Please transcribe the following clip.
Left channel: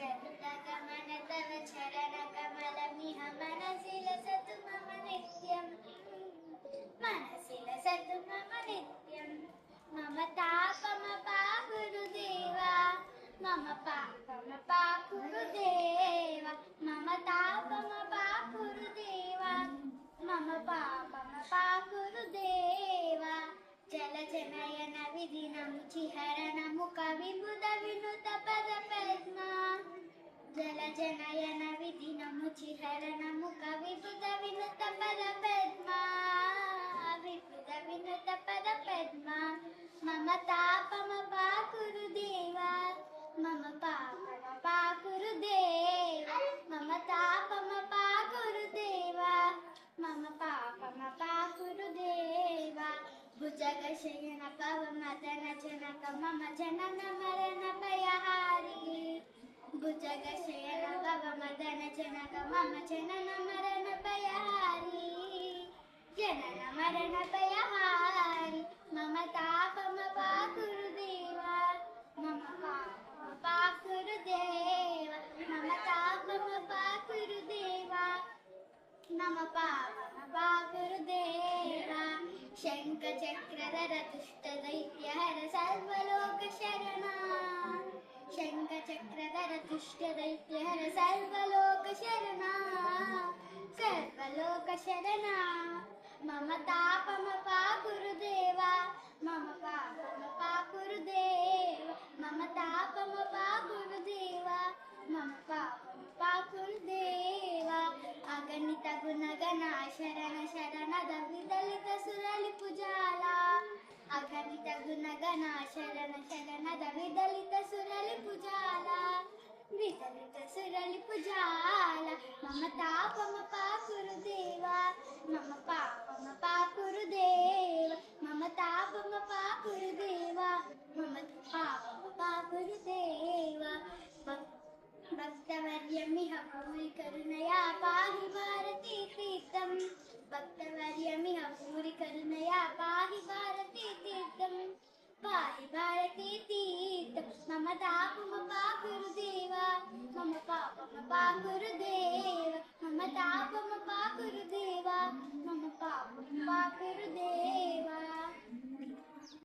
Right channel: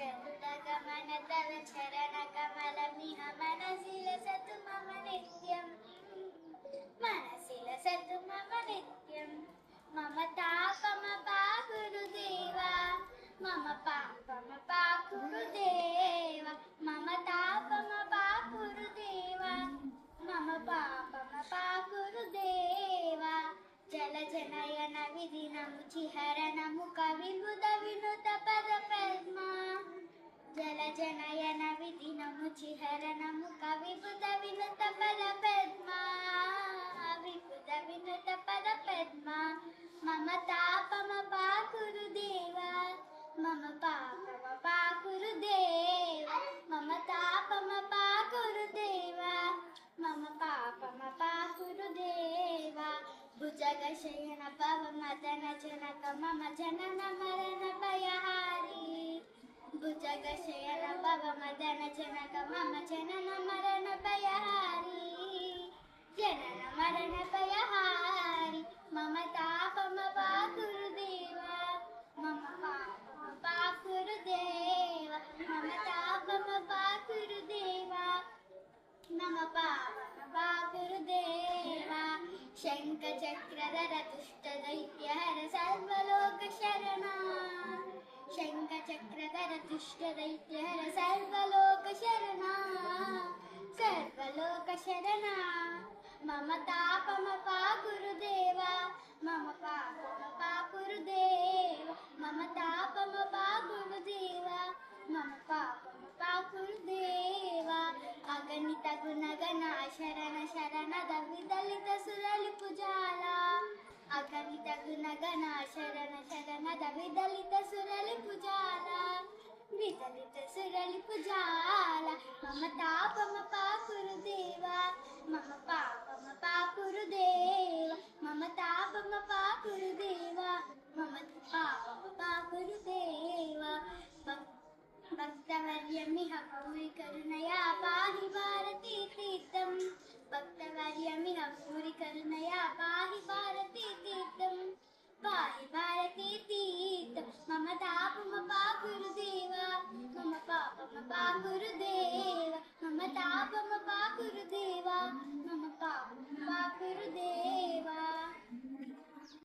गरुडगमन तव चरणकमलमिह मनसि लसतु मम नित्यं मनसि लसतु मम नित्यं मम तापमपाकुरुदेव मम पापमपाकुरुदेव मम तापमपाकुरुदेव मम पापमपाकुरुदेव जलजनयन विधिनमुचिहरणमु कविबुध विनुत पदपद्मा जलजनयन विधिनमुचिहरणमु कविबुध विनुत पदपद्मा विबुध विनुत पदपद्मा मम तापमपाकुरुदेव मम पापमपाकुरुदेव मम तापमपाकुरुदेव मम पापमपाकुरुदेव भुजगशयन पवमदन जनक मम जनन मरण भयहारी भुजगशयन पवमदन जनक मम जनन मरण भयहारी जनन मरण भयहारी मम तापमपाकुरुदेव मम पापमपाकुरुदेव मम तापमपाकुरुदेव मम पापमपाकुरुदेव शङ्खचक्रधर दुष्टदैत्यहर सर्वलोकशरणा शङ्खचक्रधर दुष्टदैत्यहर सर्वलोकशरणा सर्वलोकशरणा मम तापमपाकुरुदेव मम पापमपाकुरुदेव मम तापमपाकुरुदेव मम पापमपाकुरुदेव अगणित गुणगण शरण शरणद विदलित सुरलिपुजाल अगणित गुणगण शरण शरणद विदलित सुरलिपुजाल विदलित सुरलिपुजाल मम तापमपाकुरुदेव मम पापमपाकुरुदेव मम तापमपाकुरुदेव मम पापमपाकुरुदेव भक्तवर्यमिह भूरि करुणया पाहि भारती तीर्थं भक्तवर्यमिह भूरि करुणया पाहि भारती तीर्थं पाहि भारती तीर्थं